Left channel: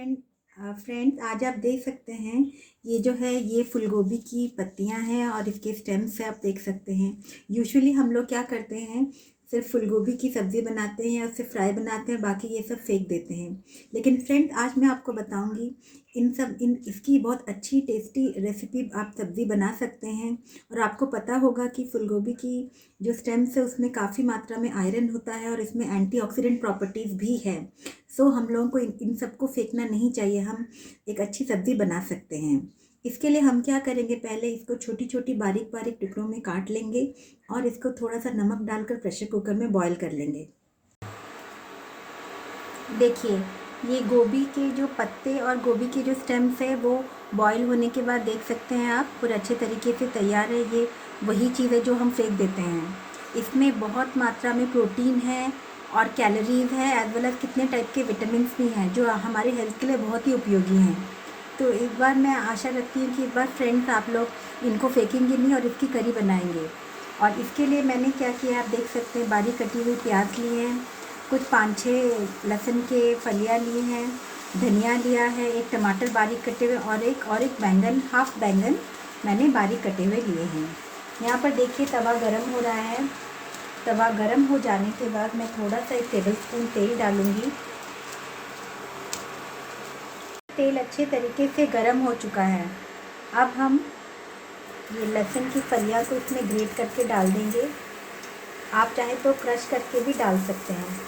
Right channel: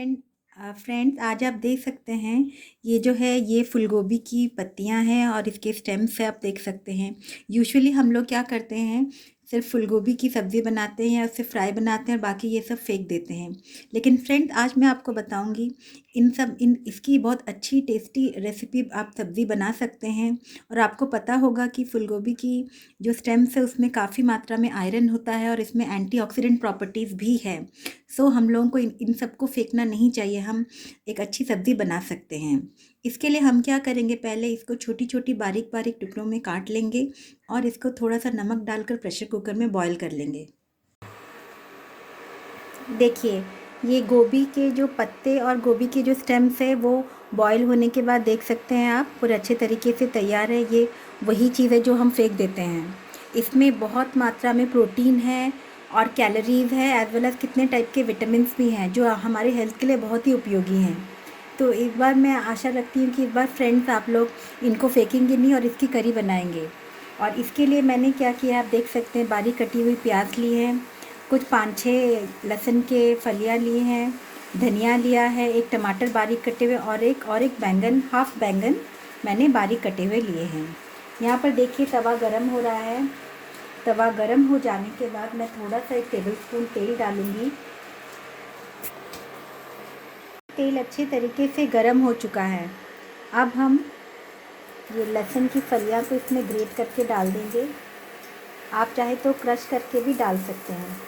Friends आज आप देख सकते हैं ये जो है ये फूल गोभी की पत्तियां हैं और इसके स्टेम्स से आप देख सकते हैं। यूजुअली हम लोग क्या करते हैं, सिर्फ फूल गोभी की सब्ज़ी बनाते हैं या उसे फ्राई बनाते हैं और बाकी ये सब फेंक देते हैं। लेकिन फ्रेंड्स आज मैं आपको बताऊंगी इन इसकी बहुत अच्छी टेस्टी रेसिपी आप सब्ज़ी बना सकते हैं। और आपको पता होगा कि फूल गोभी की जो स्टेम्स है उसमें काफ़ी मात्रा में आयरन होता है और इसमें एंटीऑक्सीडेंट प्रॉपर्टीज़ भी है। सो हम लोगों को इन सबको फेंकना नहीं चाहिए, हम एक अच्छी सब्ज़ी बना सकते हैं। इसके लिए हम क्या करेंगे, पहले इसको छोटी छोटी बारीक बारीक टुकड़ों में काट लेंगे और इसको थोड़ा सा नमक डालकर प्रेशर कुकर में बॉईल कर लेंगे। देखिए ये गोभी के जो पत्ते और गोभी के जो स्टेम्स है वो बॉईल होने के बाद देख सकते हैं आप पूरे अच्छे तरीके से तैयार है। ये वही चीज़ है जो हम फेंक देते हैं। इसमें बहुत मात्रा में प्रोटीन है और कैलोरीज़ है एज वेल एज कितने टाइप के विटामिन भी हैं जो हमारे हेल्थ के लिए बहुत ही उपयोगी हैं। तो एक बार मैं आशा रखती हूँ कि इस बार फ्रेंड्स आप लोग इनको फेंकेंगे नहीं और इसकी करी बनाएंगे। और इसके लिए मैंने क्या किया आप देख सकते हैं, बारीक कटी हुई प्याज ली है, कुछ 5-6 लहसुन के फलियाँ लिए हैं, धनिया लिया है, एक टमाटर बारीक कटे हुए और एक बैंगन, हाफ बैंगन मैंने बारीक कटे हुए लिए हैं। यहाँ पर देखिए तवा गरम हो रहा है। तवा गरम हो जाने के बाद मैं थोड़ा सा 1 टेबलस्पून तेल डालूँगी। तेल अच्छे तरीके से गरम हो चुका है। अब हम ये लहसुन की फलियाँ को इसमें ग्रेट करके डाल देंगे। आप चाहे तो क्रश करके भी डाल सकते हैं।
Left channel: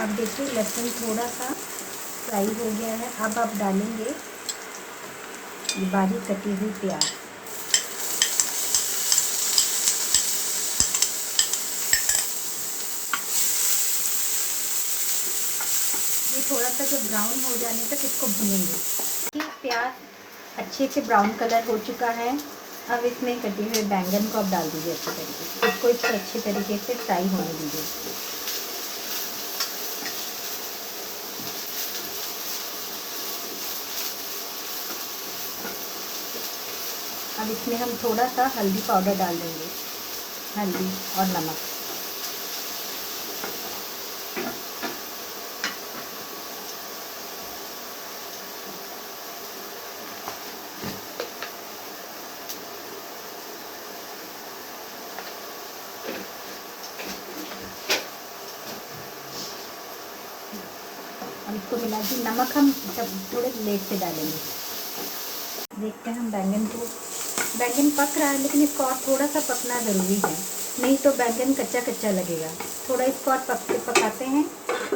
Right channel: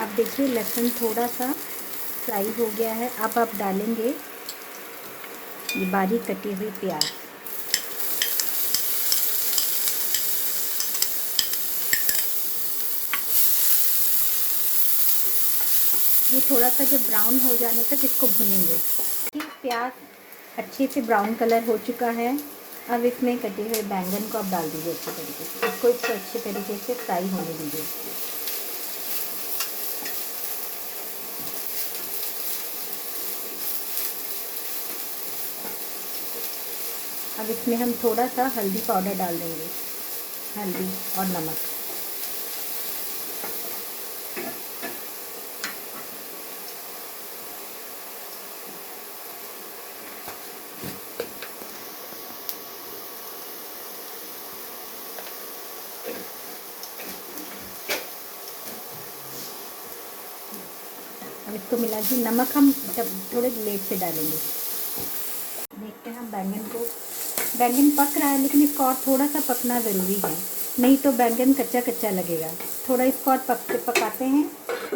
अब देखिए लहसुन थोड़ा सा फ्राई हो गया है। अब आप डालेंगे ये बारीक कटी हुई प्याज। ये थोड़ा सा जब ब्राउन हो जाने तक इसको भूनेंगे। प्याज अच्छे से ब्राउन कलर हो चुका है। अब इसमें कटे हुए बैंगन को आप डाल दीजिए अच्छे तरीके से। इसको अच्छे तरीके से फ्राई होने दीजिए। अब इसमें हम थोड़ा सा हल्दी पाउडर डाल देंगे, हल्दी और नमक। इसको मिला दी। नमक हम थोड़े लेट से डालेंगे। देखते हैं हम बैंगन पक रहा है, लेकिन इसको और थोड़ा सा पकना ज़रूरी है, नहीं तो बैंगन कच्चा कच्चा लगेगा। थोड़ा इसको और पकाते हैं।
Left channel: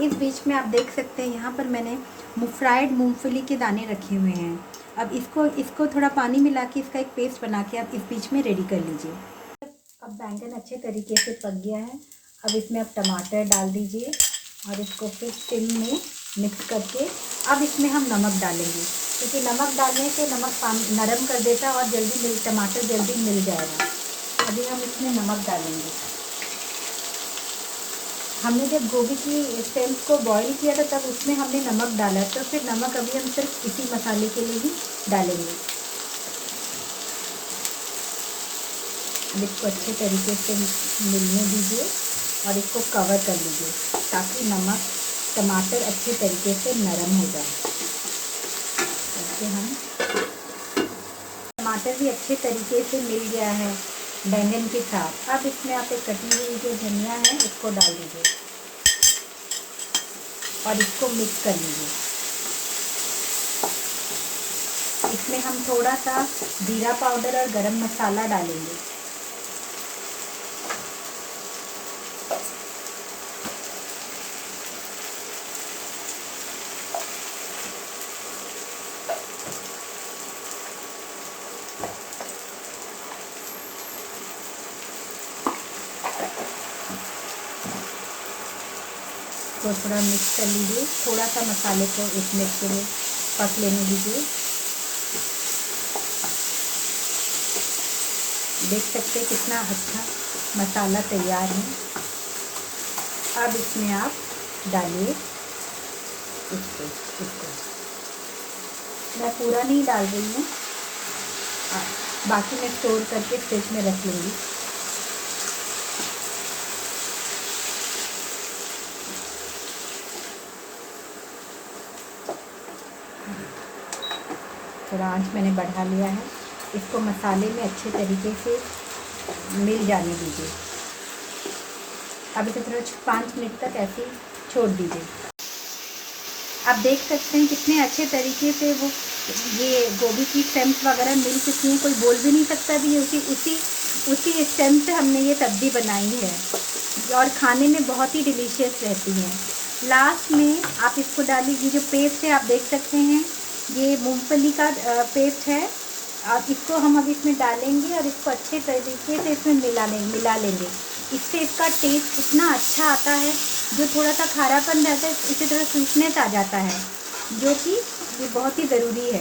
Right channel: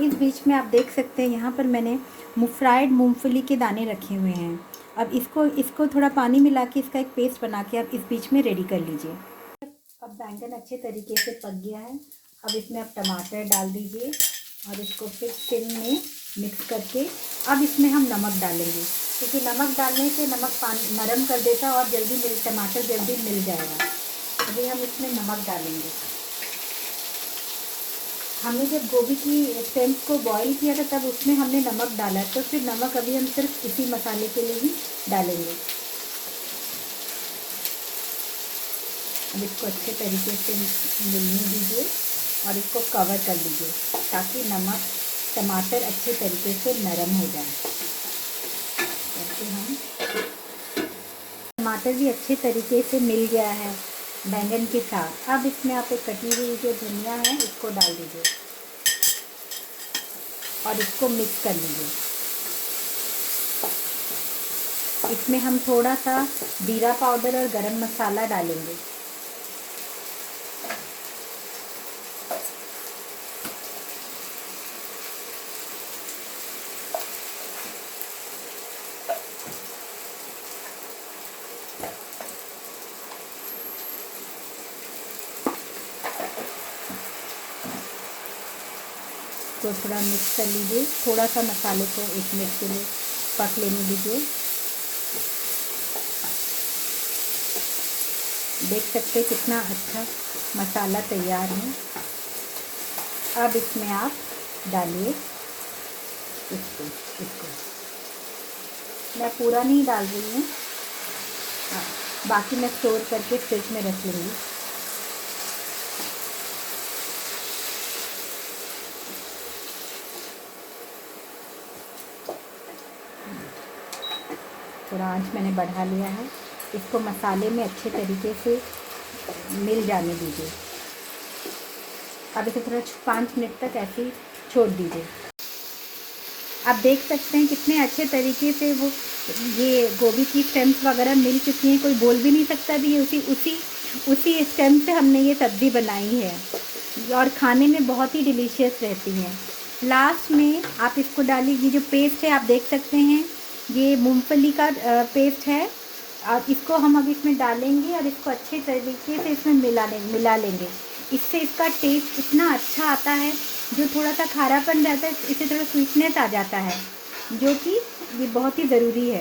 इस बीच में आप देख सकते हैं यहाँ पर मैंने फ्राइड मूंगफली के दाने रखे हुए हैं। अब इसको थोड़ा पानी मिला के इसका एक पेस्ट बना के आप इस बीच में रेडी कर लीजिए। अब बैंगन अच्छे तरीके से पक गया है। अब इसमें आप टमाटर डाल दीजिए और इसको फिर सिम में मिक्स करके अब इसमें हम नमक डालेंगे, क्योंकि नमक डालने से नमक पानी नरम कर देता है और टमाटर जल्दी मिल जाएगा। अभी हम इसमें नमक डालेंगे। हमने जब गोभी की स्टेम्स को बॉईल किया था तब उसमें हमने नमक डाला, तो फिर नमक अभी हम सिर्फ इसी मसाले के लिए ही डालेंगे। अब इसको अच्छे तरीके से मिलने दीजिए और इसको कवर कर लीजिए ताकि टमाटर अच्छे तरीके से नरम हो जाए। ऐसे हम टमाटर भी अच्छे तरीके से मिल गया है बैंगन के साथ। अब इसमें आप एक कटी हुई जो धनिया है इसको डाल दीजिए और इसको मिक्स कर लीजिए। इसमें हम थोड़ा सा जीरा पाउडर और गरम मसाला डालेंगे। इसको थोड़ा मिक्स कर लीजिए। थोड़ा सा मसाले को 1 मिनट के लिए पक लेने दीजिए। देख सकते हैं कितना अच्छा मसाला तैयार है। अब इसमें आप डालिए इसको मैं पूरा नहीं डाल रही हूँ, बाकी मैं स्टोर करके फ्रिज में रख लूँगी। थोड़ा आंच मैंने बढ़ा लिया है। इसको मसाले में अच्छे तरीके से मिल जाने दीजिए। अब इसे थोड़ा 5 मिनट तक ऐसे ही छोड़ दीजिए। आप देख सकते हैं कितने अच्छे तरीके से वो ये गोभी की स्टेम्स वगैरह मिल चुकी हैं। कोई बोल भी नहीं सकता भी ये उसी स्टेम से हमने ये सब्ज़ी बनाई है, और खाने में बहुत ही डिलीशियस रहती हैं। लास्ट में आप इसको डालिए। ये जो पेस्ट है आप देख सकते हैं, ये मूंगफली का पेस्ट है। और इसको हम अब इसमें डालेंगे और इसको अच्छे तरीके से इसमें मिला लेंगे। इससे इसका टेस्ट इतना अच्छा आता है। जो थोड़ा सा खारापन रहता है इससे थोड़ा स्वीटनेस आ जाता है, जो कि ये बहुत ही ज़रूरी है।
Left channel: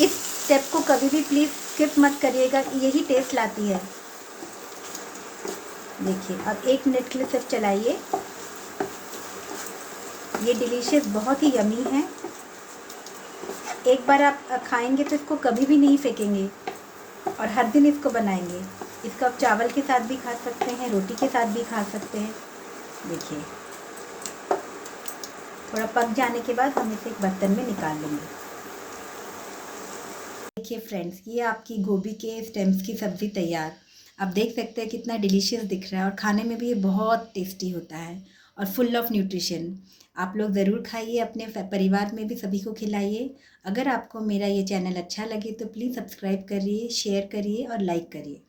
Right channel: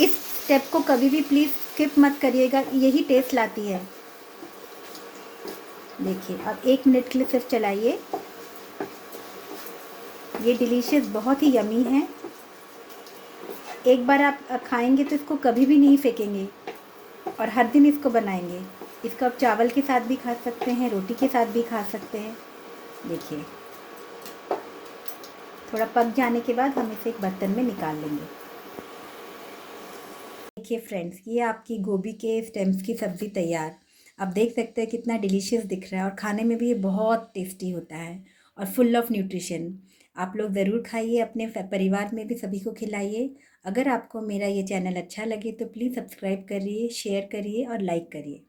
इस स्टेप को कभी भी प्लीज़ स्किप मत करिएगा, यही टेस्ट लाती है। देखिए अब 1 मिनट के लिए सिर्फ चलाइए। ये डिलीशियस बहुत ही यमी है। एक बार आप खाएंगे तो इसको कभी भी नहीं फेंकेंगे, और हर दिन इसको बनाएंगे। इसको आप चावल के साथ भी खा सकते हैं, रोटी के साथ भी खा सकते हैं। देखिए थोड़ा पक जाने के बाद हम इसे एक बर्तन में निकाल लेंगे। देखिए फ्रेंड्स, ये आपकी गोभी के स्टेम्स की सब्ज़ी तैयार। आप देख सकते हैं कितना डिलीशियस दिख रहा है, और खाने में भी ये बहुत टेस्टी होता है और फुल ऑफ न्यूट्रिशन। आप लोग ज़रूर खाइए, अपने परिवार में भी सभी को खिलाइए। अगर आपको मेरा ये चैनल अच्छा लगे तो प्लीज़ सब्सक्राइब करिए, शेयर करिए और लाइक करिए।